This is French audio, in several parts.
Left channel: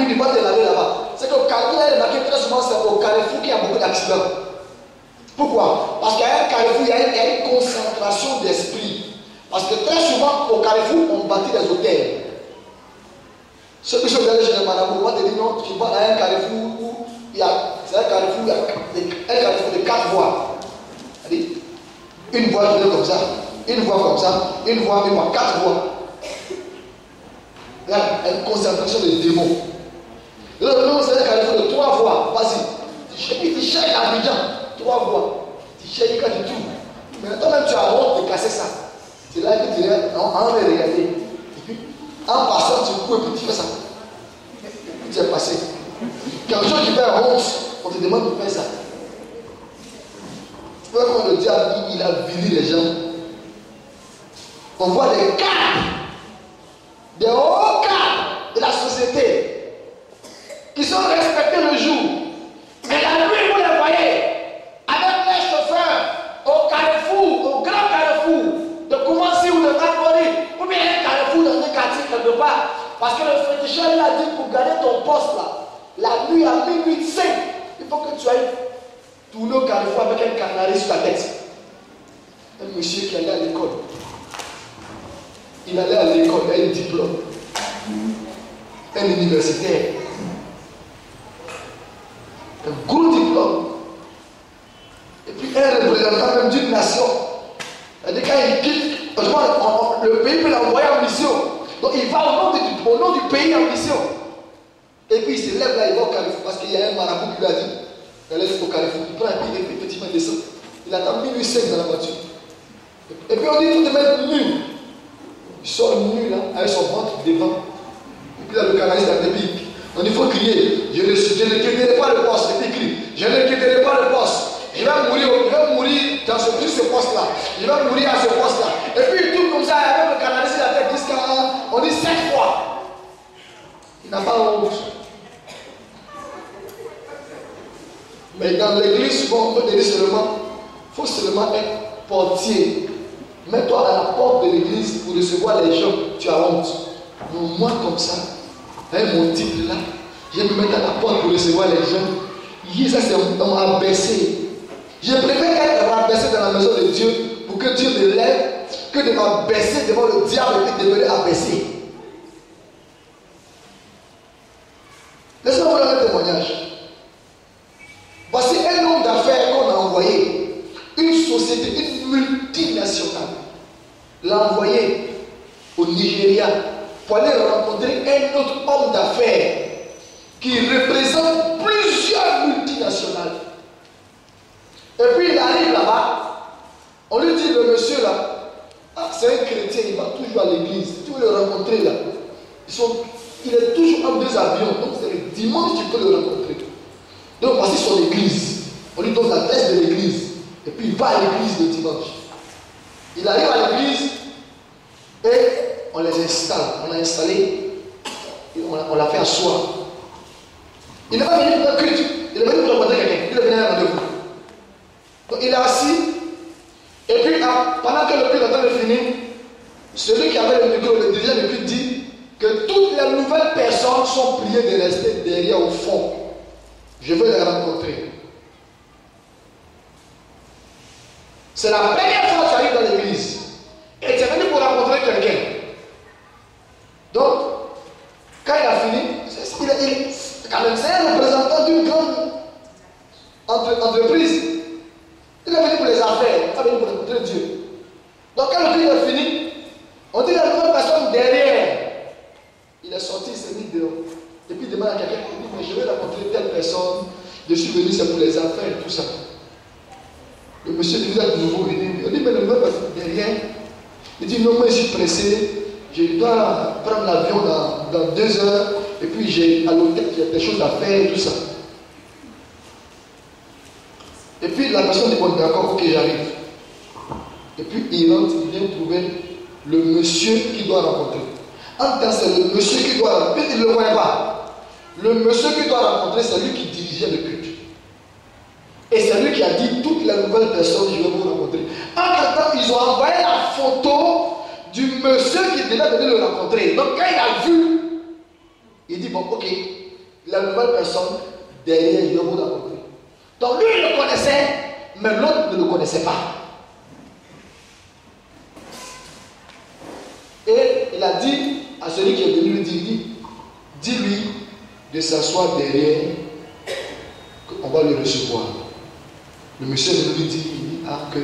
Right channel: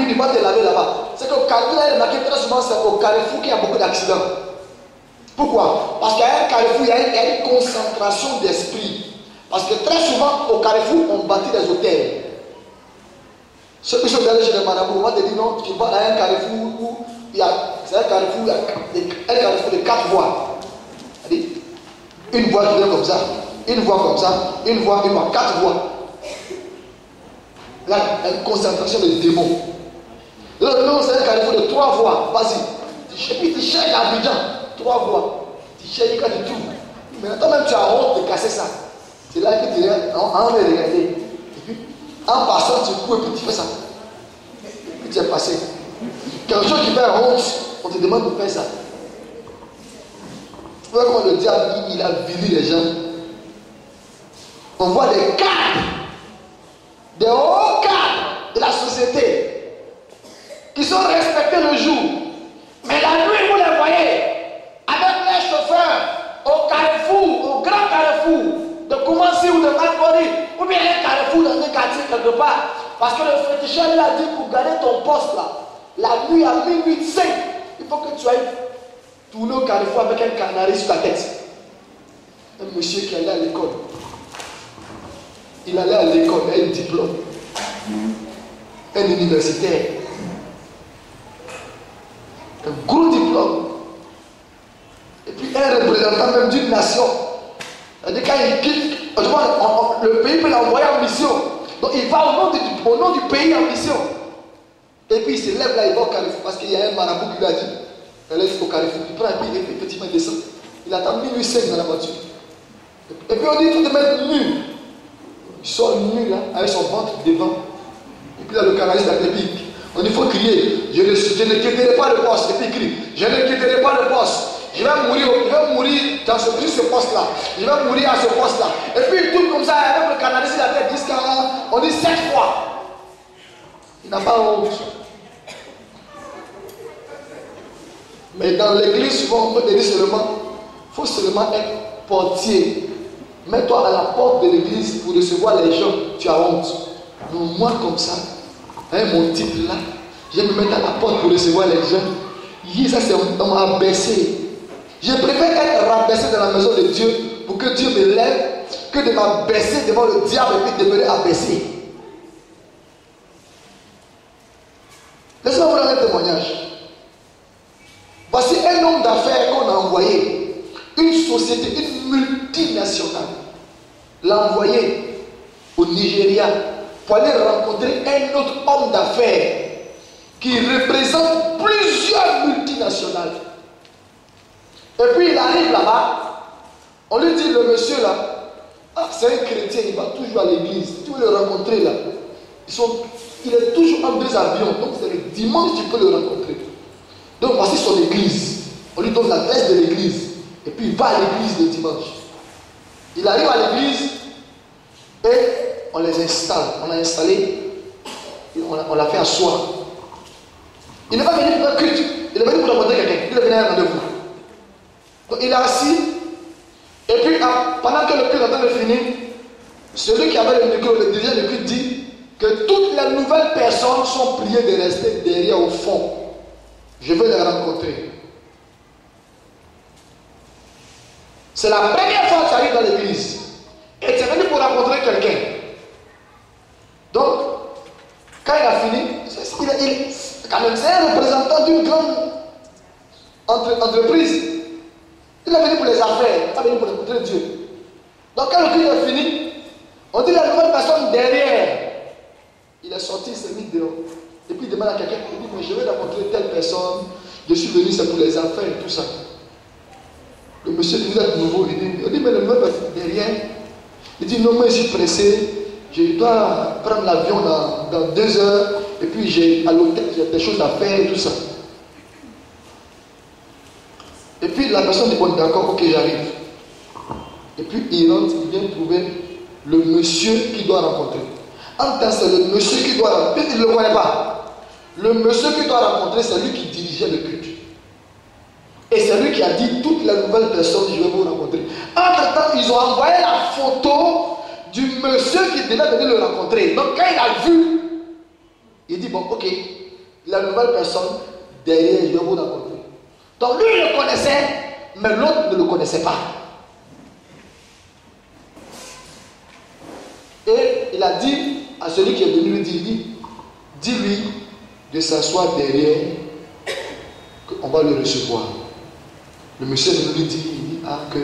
minutes, il va te laver là-bas. C'est qu'au Carrefour, il y a remarqué très souvent, c'est au Carrefour qu'il y a beaucoup d'accidents. Pourquoi? Parce qu'à un Carrefour, il y a une concentration d'esprit. Parce que très souvent, au Carrefour, on bâtit des hôtels. Ceux qui sont allés chez les marabouts, on va te dire non, tu vas à un Carrefour où c'est un Carrefour, un Carrefour de 4 voies. C'est-à-dire, une voie qui vient comme ça, une voie comme ça, une voie, 4 voies. Là, une concentration de démons. Non, c'est un Carrefour de 3 voies. Vas-y. Tu cherches Abidjan, 3 voies. Tu cherches quand tu trouves. Mais toi-même, tu as honte de casser ça. C'est là que tu regardes, on va regarder. Et puis, en passant, tu cours et puis tu fais ça. Et tu es passé. Quelque chose qui fait honte, on te demande de faire ça. Tu vois comment le diable, il a vili les gens. On voit des cadres, des hauts cadres de la société, qui sont respectés le jour. Mais la nuit, vous les voyez, avec les chauffeurs, au Carrefour, au grand Carrefour, de Koumassi ou de Makoni, ou bien un Carrefour dans un quartier quelque part. Parce que le féticheur lui a dit pour garder ton poste là, la nuit à minuit 5, il faut que tu ailles tourner au Carrefour avec un canari sur la tête. Un monsieur qui allait à l'école. Il allait à l'école, il a un diplôme. Un universitaire. Un gros diplôme. Et puis un représentant même d'une nation. C'est-à-dire quand il quitte, le pays peut l'envoyer en mission. Donc il va au nom du pays en mission. Et puis il se lève là, il va au Carrefour parce qu'il y a un marabout qui lui a dit, elle est au Carrefour, il prend un billet, effectivement il descend. Il attend minuit 5 dans la voiture. Et puis on dit, il faut te mettre nu. Il sort nu là, avec son ventre devant. Et puis là le canaliste à l'épique. On dit, il faut crier, je ne quitterai pas le poste. Et puis il crie, je ne quitterai pas le poste. Je vais mourir dans ce poste-là. Je vais mourir à ce poste-là. Et puis il tourne comme ça avec le canaliste à la tête jusqu'à, on dit 7 fois. Il n'a pas honte. Mais dans l'église, souvent, on peut te dire seulement, il faut seulement être portier. Mets-toi à la porte de l'église pour recevoir les gens, tu as honte. Non, moi comme ça, avec mon titre là, je vais me mettre à la porte pour recevoir les gens. Ça c'est on m'a abaissé. Je préfère être rabaissé dans la maison de Dieu pour que Dieu me lève que de m'abaisser devant le diable et puis de me abaisser. Laissez-moi vous donner un témoignage. Voici un homme d'affaires qu'on a envoyé. Une société, une multinationale l'a envoyé au Nigeria pour aller rencontrer un autre homme d'affaires qui représente plusieurs multinationales. Et puis il arrive là-bas, on lui dit, le monsieur là, c'est un chrétien, il va toujours à l'église, tu veux le rencontrer là. Il est toujours en 2 avions, donc c'est le dimanche tu peux le rencontrer. Donc voici son église. On lui donne l'adresse de l'église. Et puis il va à l'église le dimanche. Il arrive à l'église et on les installe. On l'a installé, on l'a fait asseoir. Il n'est pas venu pour un culte, il est venu pour rencontrer quelqu'un. Il est venu à un rendez-vous. Donc il est assis. Et puis pendant que le culte est en train de finir, celui qui avait le micro, le dirigeant du culte dit que toutes les nouvelles personnes sont priées de rester derrière au fond. Je veux les rencontrer. C'est la première fois que tu arrives dans l'église. Et tu es venu pour rencontrer quelqu'un. Donc, quand il a fini, c'est un représentant d'une grande entreprise. Il est venu pour les affaires, il est venu pour rencontrer Dieu. Donc, quand le culte est fini, on dit la nouvelle personne derrière. Il est sorti, il s'est mis dehors. Et puis il demande à quelqu'un, il dit, mais je vais rencontrer telle personne, je suis venu, c'est pour les affaires et tout ça. Le monsieur dit, vous êtes nouveau venu. Il dit, mais le nouvelle personne derrière. Il dit, non, moi je suis pressé, je dois prendre l'avion dans 2 heures, et puis j'ai à l'hôtel, j'ai des choses à faire et tout ça. Et puis la personne dit, bon d'accord, ok, j'arrive. Et puis il rentre, il vient trouver le monsieur qu'il doit rencontrer. En tant que c'est le monsieur qui doit rencontrer, il ne le voyait pas. Le monsieur qui doit rencontrer, c'est lui qui dirigeait le culte. Et c'est lui qui a dit toutes les nouvelles personnes, je vais vous rencontrer. En temps, ils ont envoyé la photo du monsieur qui devait venir le rencontrer. Donc quand il a vu, il dit, bon ok, la nouvelle personne, derrière, je vais vous rencontrer. Donc lui, il le connaissait, mais l'autre ne le connaissait pas. Et il a dit à celui qui est venu lui dire, dis-lui de s'asseoir derrière, qu'on va le recevoir. Le monsieur lui dit, que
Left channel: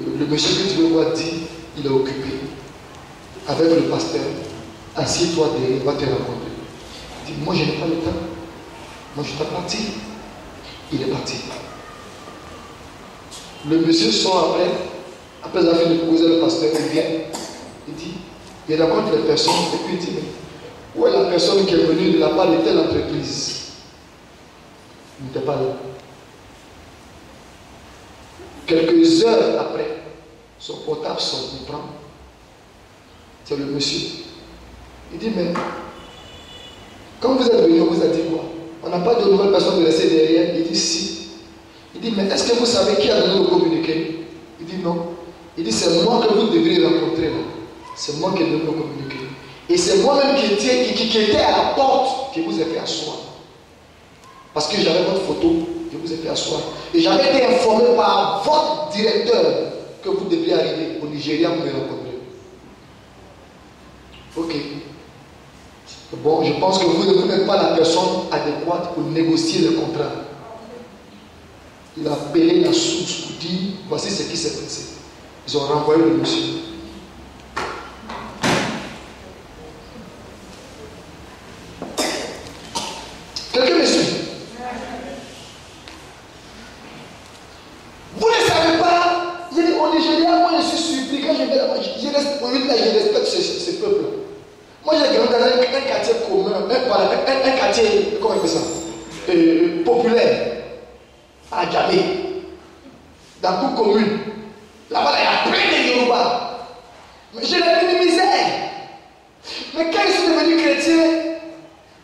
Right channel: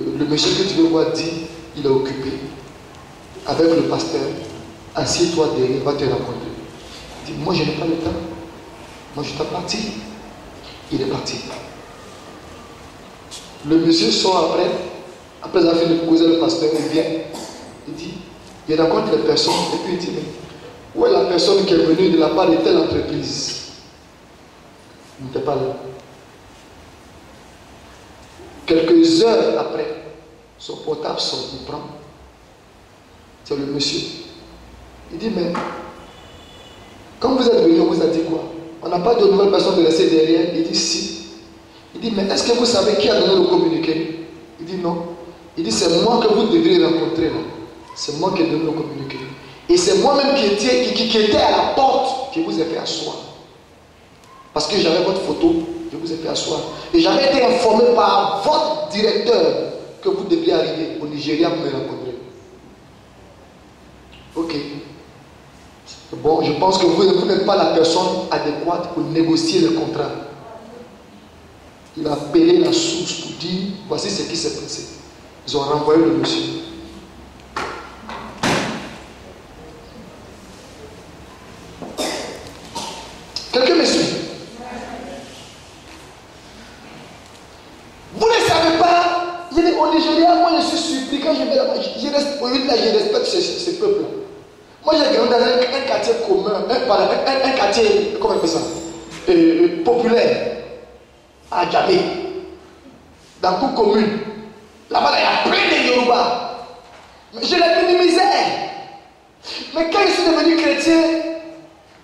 le monsieur que tu veux voir dit, il est occupé avec le pasteur. Assieds-toi derrière, il va te rencontrer. Il dit, moi je n'ai pas le temps. Moi je dois partir. Il est parti. Le monsieur sort après avoir fait le causer le pasteur, il vient. Il dit, il rencontre les personnes et puis il dit, mais où est la personne qui est venue de la part de telle entreprise? Il n'était pas là. Quelques heures après, son portable sonne, il prend. C'est le monsieur. Il dit, mais quand vous êtes venu, on vous a dit quoi? On n'a pas de nouvelles personnes de laisser derrière. Il dit, si. Il dit, mais est-ce que vous savez qui a donné le communiqué? Il dit, non. Il dit, c'est moi que vous devriez rencontrer là. C'est moi qui ai donné le communiqué. Et c'est moi-même qui était à la porte qui vous ai fait asseoir. Parce que j'avais votre photo, je vous ai fait asseoir. Et j'avais été informé par votre directeur que vous devriez arriver au Nigeria pour me rencontrer. Ok. Bon, je pense que vous n'êtes pas la personne adéquate pour négocier le contrat. Il a appelé la source pour dire, voici ce qui s'est passé. Ils ont renvoyé le monsieur. Quelqu'un me suit? Vous ne savez pas, je dis au Nigeria, moi je suis surpris quand je viens là-bas, je respecte ce peuple. Moi j'ai grandi dans un quartier commun, un quartier, comment on fait ça, populaire, à Djamé, dans toute commune. Là-bas il y a plein de Yoruba. Mais je l'ai vu de misère. Mais quand je suis devenu chrétien,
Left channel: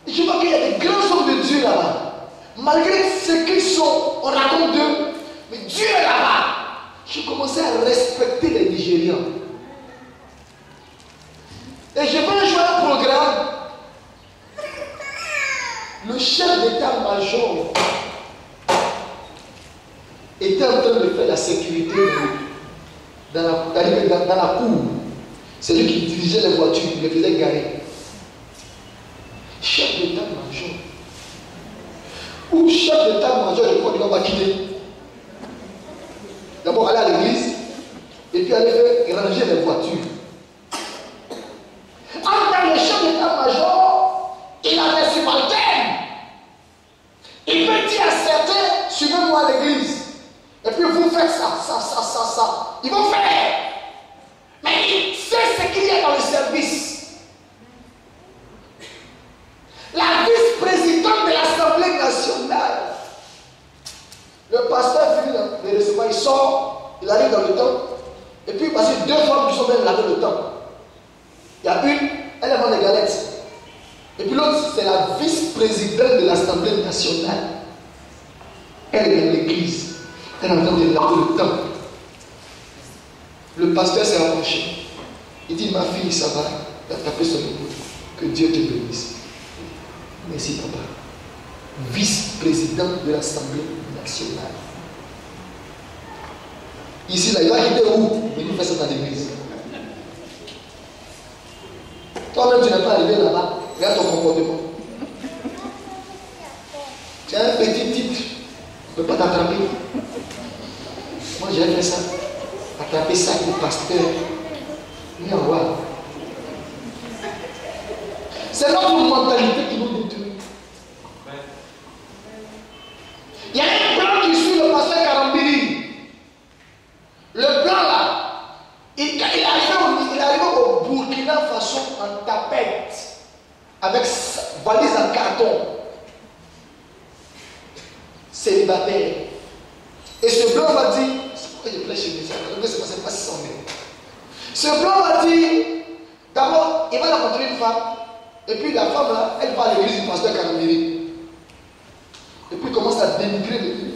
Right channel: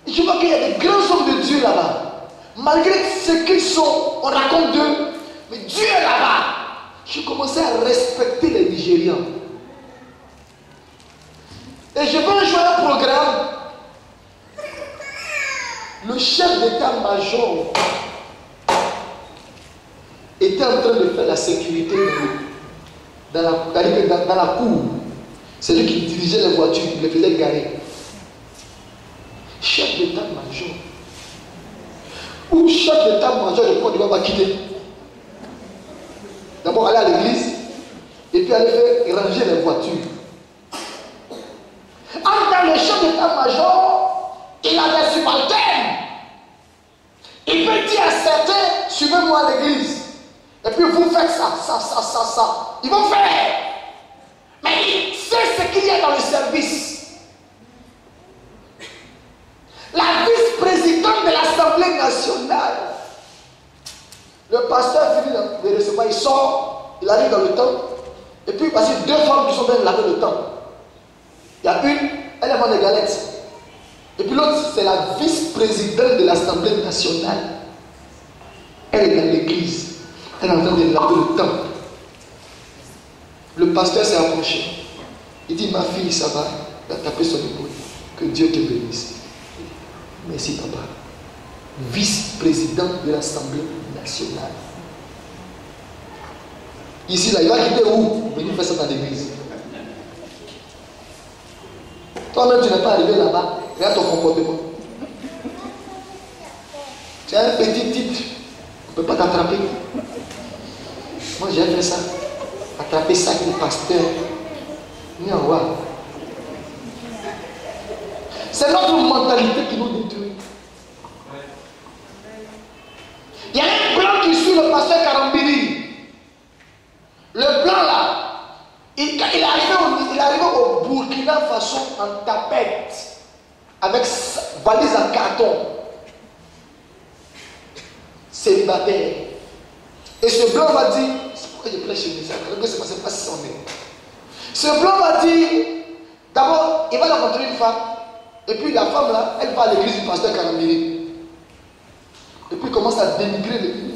je vois qu'il y a des grands hommes de Dieu là-bas. Malgré ce qu'ils sont, on raconte d'eux, mais Dieu est là-bas. J'ai commencé à respecter les Nigérians. Et je vais jouer un programme. Le chef d'état-major était en train de faire la sécurité dans la cour. C'est lui qui dirigeait les voitures, il les faisait garer. Chef d'état-major. Ou chef d'état-major, je crois qu'il va quitter. D'abord aller à l'église et puis aller faire ranger les voitures. En tant que chef d'état-major, il a des subalternes. Il peut dire à certains, suivez-moi à l'église. Et puis vous faites ça. Ils vont faire. Mais il sait ce qu'il y a dans le service. La vice-présidente de l'Assemblée nationale. Le pasteur finit de recevoir, il sort, il arrive dans le temple. Et puis parce que deux femmes qui sont bien là dans le temple. Il y a une, elle est venue des galettes. Et puis l'autre, c'est la vice-présidente de l'Assemblée nationale. Elle est dans l'église. Elle est en train de laver le temple. Le pasteur s'est approché. Il dit, ma fille, ça va. Il a tapé son épaule. Que Dieu te bénisse. Merci, papa. Vice-président de l'Assemblée nationale. Ici, là, il va quitter où? Il venir faire ça dans l'église. Toi-même, tu n'es pas arrivé là-bas. Regarde ton comportement. Tu as un petit titre. On ne peut pas t'attraper. Moi, j'ai fait ça. Attraper ça avec le pasteur. Mais on voit. C'est notre mentalité qui nous détruit. Il y a un plan qui suit le pasteur Karambiri. Le plan là, il arrive au Burkina Faso en tapette, avec valise en carton. Célibataire. Et ce blanc va dire, c'est pourquoi je plais chez lui, c'est pas si on est. Ce blanc va dire, d'abord, il va rencontrer une femme, et puis la femme là, elle va à l'église du pasteur Karambiri. Et puis il commence à dénigrer l'église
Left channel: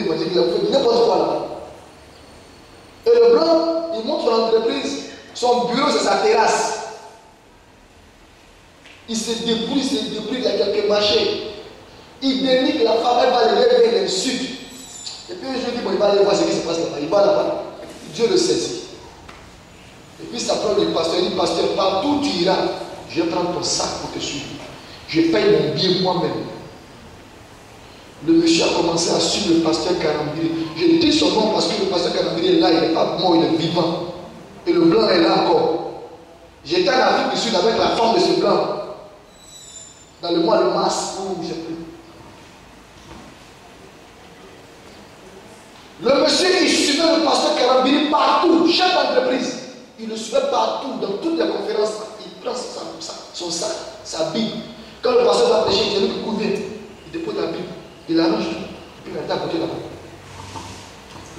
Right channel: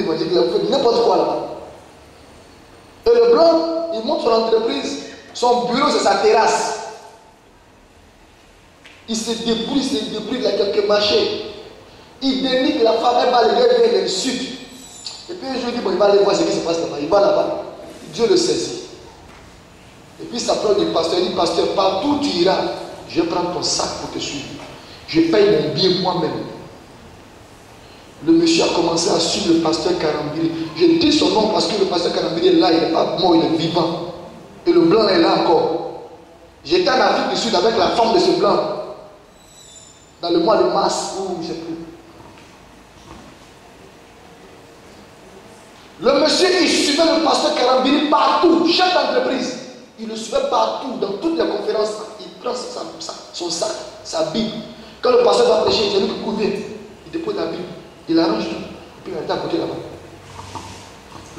évangélique, il a fait n'importe quoi là-bas. Et le blanc, il monte son entreprise, son bureau c'est sa terrasse. Il se débrouille, il a quelques marchés. Il dénigre la femme, elle va lever, elle l'insulte. Et puis un jour, il dit, bon, il va aller voir ce qui se passe là-bas. Il va là-bas. Dieu le saisit. Et puis ça prend du pasteur. Il dit, pasteur, partout où tu iras, je vais prendre ton sac pour te suivre. Je paye mon billet moi-même. Le monsieur a commencé à suivre le pasteur Karambiri. Je dis son nom parce que le pasteur Karambiri est là, il n'est pas mort, il est vivant. Et le blanc est là encore. J'étais en Afrique du Sud avec la femme de ce blanc. Dans le mois de mars, ou je ne sais plus. Le monsieur, il suivait le pasteur Karambiri partout, chef d'entreprise. Il le suivait partout, dans toutes les conférences. Il prend son sac, sa Bible. Quand le pasteur va prêcher, il dit que couvert. Il dépose la Bible, il arrange tout, puis il est à côté là-bas.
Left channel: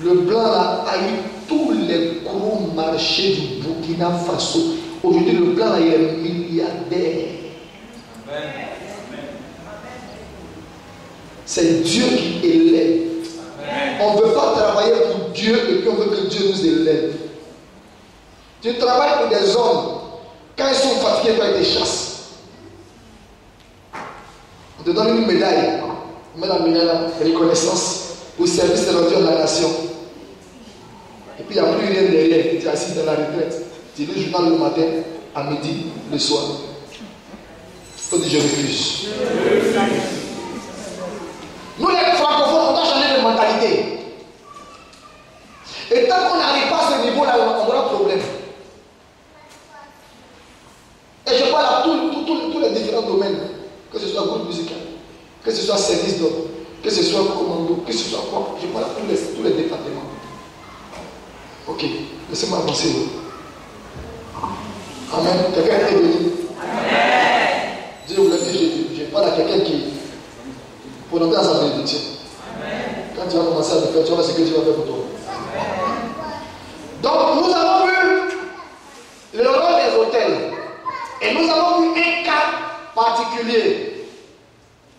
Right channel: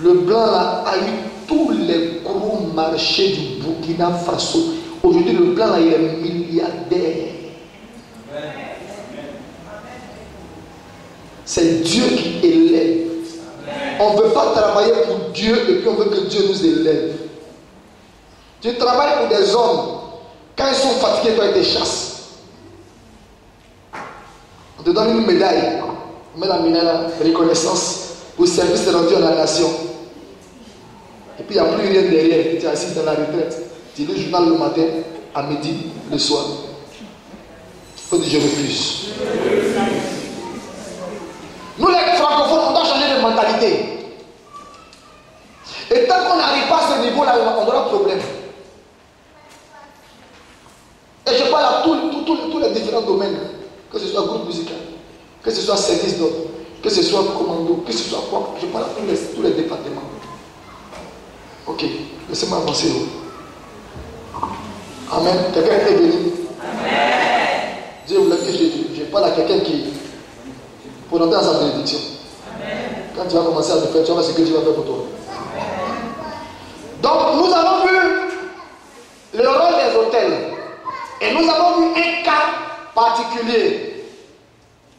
Le blanc là, a eu tous les gros marchés du Burkina Faso. Aujourd'hui, le blanc là, il est milliardaire. C'est Dieu qui élève. On ne veut pas travailler pour Dieu et puis on veut que Dieu nous élève. Tu travailles pour des hommes. Quand ils sont fatigués, quand ils te chassent, on te donne une médaille. On met la médaille de reconnaissance au service rendu à la nation. Et puis il n'y a plus rien derrière. Tu es assis dans la retraite. Tu lis le journal le matin, à midi, le soir. Il faut dire je refuse. Nous les francophones, on doit changer de mentalité. Et tant qu'on n'arrive pas à ce niveau-là, on aura problème. Et je parle à tous les différents domaines, que ce soit groupe musical, que ce soit service d'ordre, que ce soit commando, que ce soit quoi. Je parle à tous les départements. Ok, laissez-moi avancer. Amen. Quelqu'un est béni. Amen. Dieu vous l'a dit, je parle à quelqu'un qui, pour entrer dans sa bénédiction. Quand tu vas commencer à le faire, tu vas voir ce que Dieu va faire pour toi. Donc, nous avons vu le rôle des hôtels. Et nous avons vu un cas particulier.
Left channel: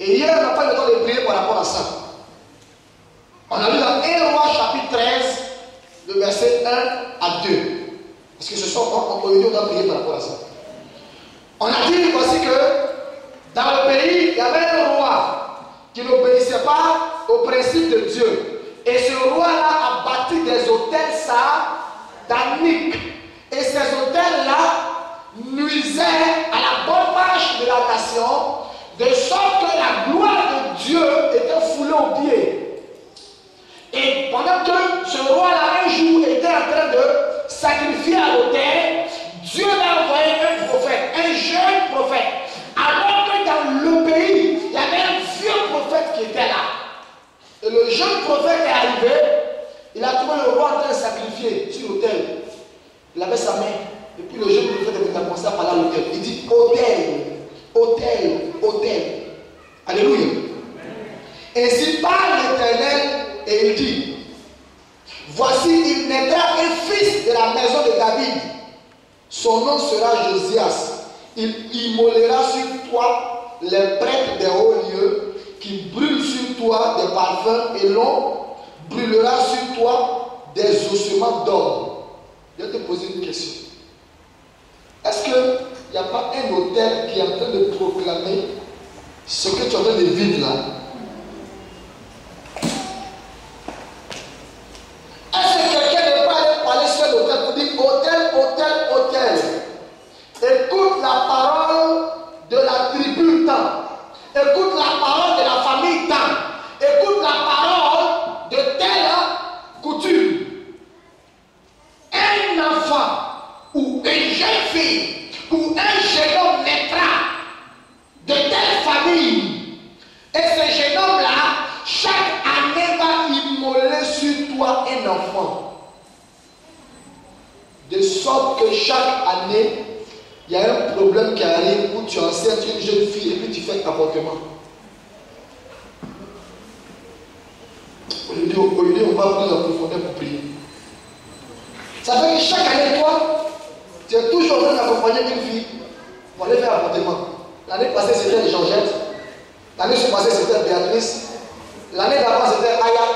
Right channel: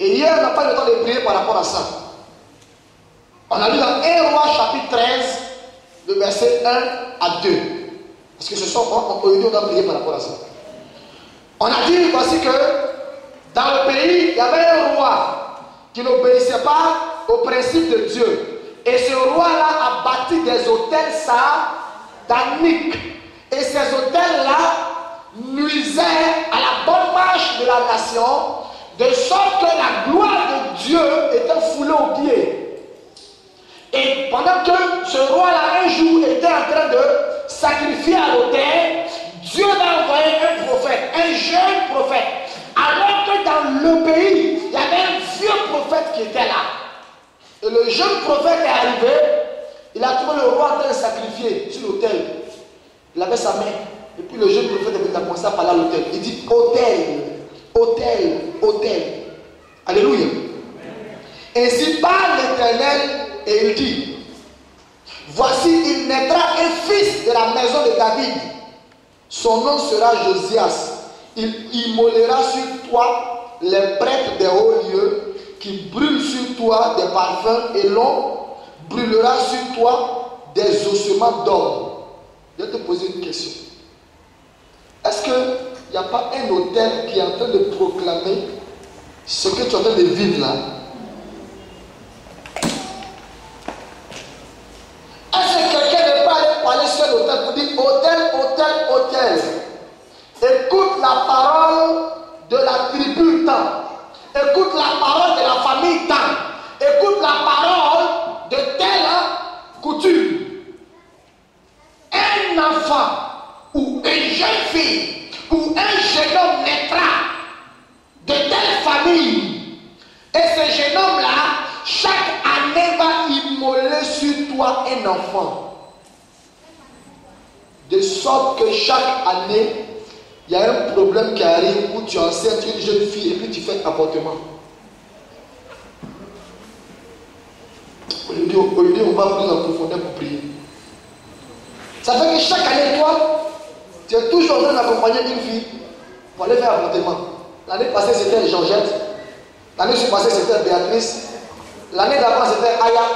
Et hier, on n'a pas eu le temps de prier par rapport à ça. On a lu dans 1 Roi chapitre 13, le verset 1 à 2. Parce que ce soir, on doit prier par rapport à ça. On a dit, voici que dans le pays, il y avait un roi qui n'obéissait pas au principe de Dieu. Et ce roi-là a bâti des hôtels sataniques. Et ces hôtels-là nuisaient à la bonne marche de la nation, de sorte que la gloire de Dieu était foulée aux pieds. Et pendant que ce roi-là, un jour, était en train de sacrifier à l'autel, Dieu a envoyé un prophète, un jeune prophète. Alors que dans le pays, il y avait un vieux prophète qui était là. Et le jeune prophète est arrivé, il a trouvé le roi en train de sacrifier sur l'autel. Il avait sa main. Et puis le jeune prophète a commencé à parler à l'autel. Il dit autel, autel, autel. Alléluia. Ainsi parle l'Éternel et il dit, voici il naîtra un fils de la maison de David. Son nom sera Josias. Il immolera sur toi les prêtres des hauts lieux qui brûlent sur toi des parfums et l'on brûlera sur toi des ossements d'or. Je vais te poser une question. Est-ce qu'il n'y a pas un autel qui est en train de proclamer ce que tu es en train de vivre là? Est-ce que quelqu'un n'est pas allé parler sur l'autel pour dire autel, autel, autel? Écoute la parole de la tribu tant. Écoute la parole de la famille tant. Écoute la parole de telle coutume. Un enfant ou une jeune fille ou un jeune homme naîtra de telle famille. Et ce jeune homme-là, chaque année va immoler sur toi un enfant. De sorte que chaque année, il y a un problème qui arrive où tu enseignes une jeune fille et puis tu fais avortement. Aujourd'hui, on va plus en profondeur pour prier. Ça fait que chaque année, toi, tu es toujours en train d'accompagner une fille pour aller faire avortement. L'année passée, c'était Georgette. L'année passée, c'était Béatrice. L'année d'avant, c'était Aya.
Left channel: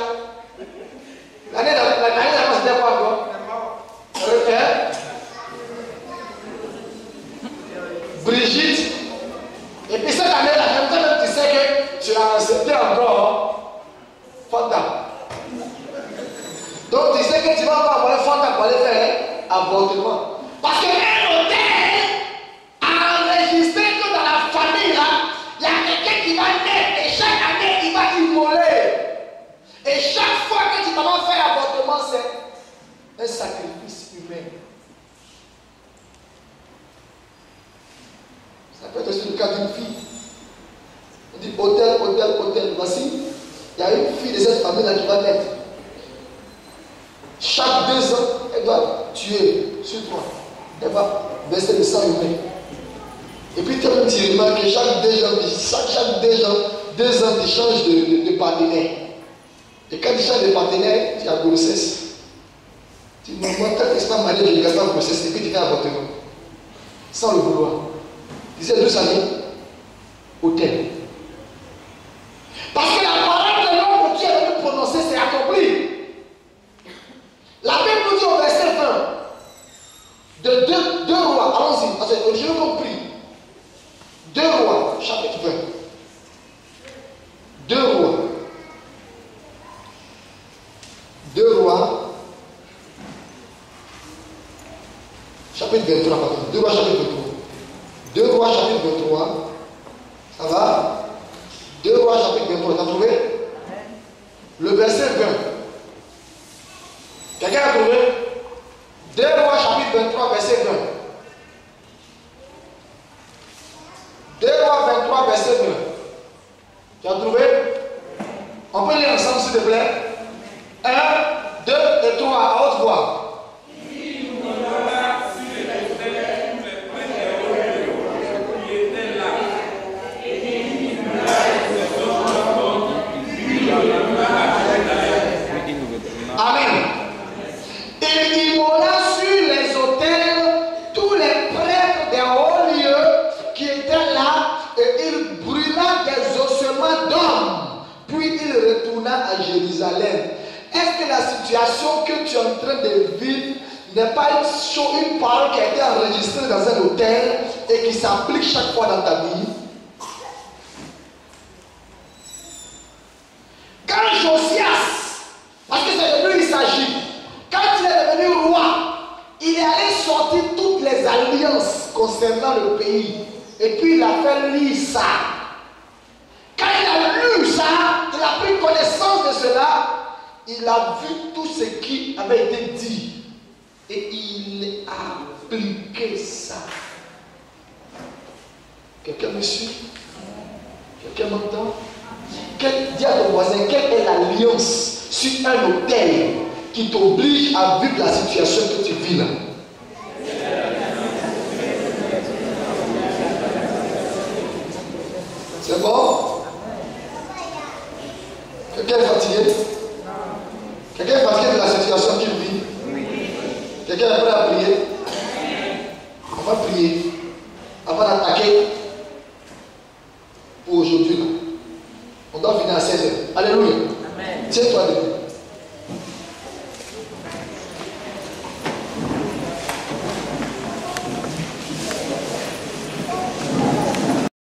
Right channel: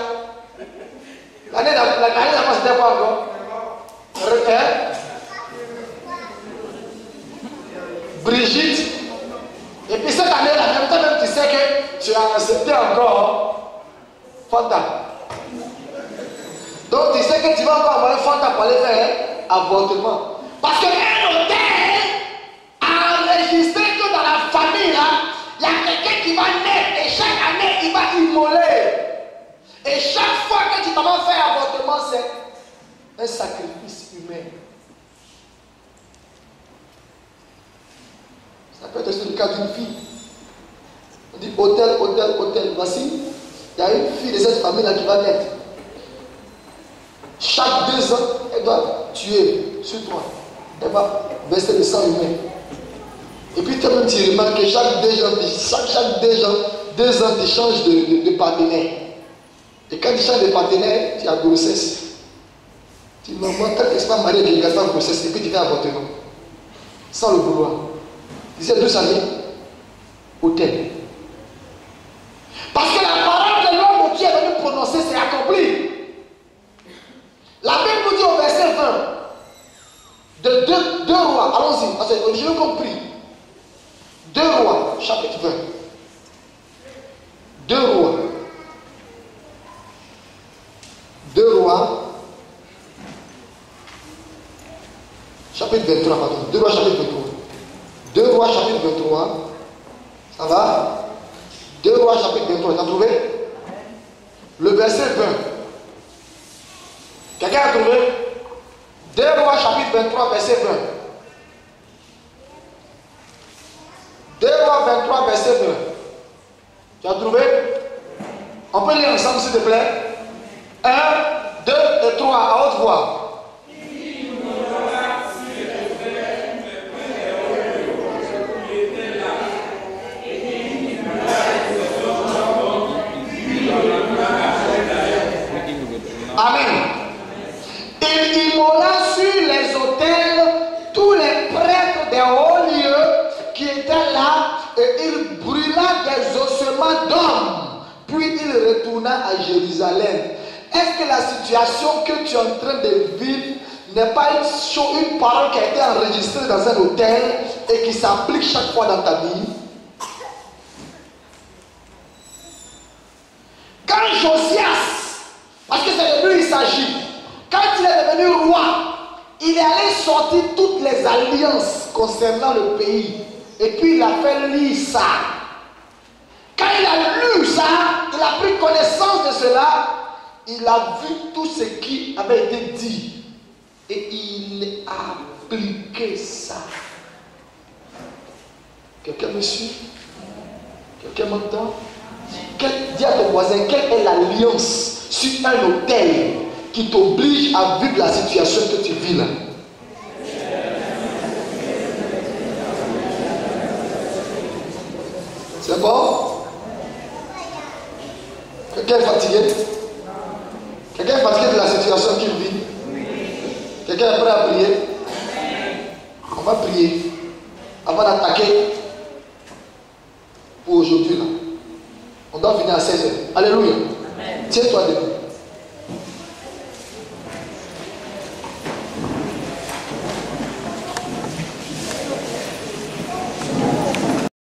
L'année d'avant, c'était quoi encore? Brigitte. accepté encore Fanta. Donc tu sais que tu vas encore avoir Fanta pour aller faire avortement. Parce qu'un hôtel a enregistré que dans la famille, là, il y a quelqu'un qui va naître et chaque année, il va immoler. Et chaque fois que tu vas faire avortement, c'est un sacrifice humain. Ça peut être aussi le cas d'une fille. On dit hôtel. Voici, il y a une fille de cette famille-là qui va naître. Chaque 2 ans, elle doit tuer sur toi. Elle va verser le sang humain. Et puis, tu remarques que chaque 2 ans, tu changes de partenaire. Et quand tu changes de partenaire, tu as grossesse. Tu dis, maman, tant que tu n'es pas marié, tu restes en grossesse. Et puis, tu fais avortement. Sans le vouloir. Tu sais, 2 années, hôtel. Parce que la parole de l'homme que Dieu est venu prononcer, c'est accompli. La Bible nous dit au verset 20 de 2 rois, allons-y, parce que j'ai compris. 2 rois, chapitre 20. 2 rois. 2 rois, chapitre 23, pardon. 2 rois, chapitre 23. 2 rois, chapitre 23. Ça va? 2 rois, chapitre 23. T'as trouvé? Le verset 20. Quelqu'un a trouvé? 2 rois, chapitre 23, verset 20. 2 rois 23, verset 20. Tu as trouvé? On peut lire ensemble, s'il te plaît. 1, 2 et 3, à haute voix. Amen. Il immola sur les autels tous les prêtres des hauts lieux qui étaient là et il brûla des ossements d'hommes. Puis il retourna à Jérusalem. Est-ce que la situation que tu es en train de vivre n'est pas une parole qui a été enregistrée dans un hôtel et qui s'applique chaque fois dans ta vie? Quand Josias, parce que c'est de lui il s'agit, quand il est devenu roi, il est allé sortir toutes les alliances concernant le pays. Et puis il a fait lire ça. Quand il a lu ça, il a pris connaissance de cela, il a vu tout ce qui avait été dit. Et il a appliqué ça. Quelqu'un me suit? Quelqu'un m'entend? Dis à ton voisin, quelle est l'alliance sur un hôtel qui t'oblige à vivre la situation que tu vis là? C'est bon? Quelqu'un est fatigué? Quelqu'un est fatigué de la situation qu'il vit? Quelqu'un est prêt à prier? On va prier avant d'attaquer pour aujourd'hui là. On doit finir à 16h. Alléluia. Tiens-toi debout.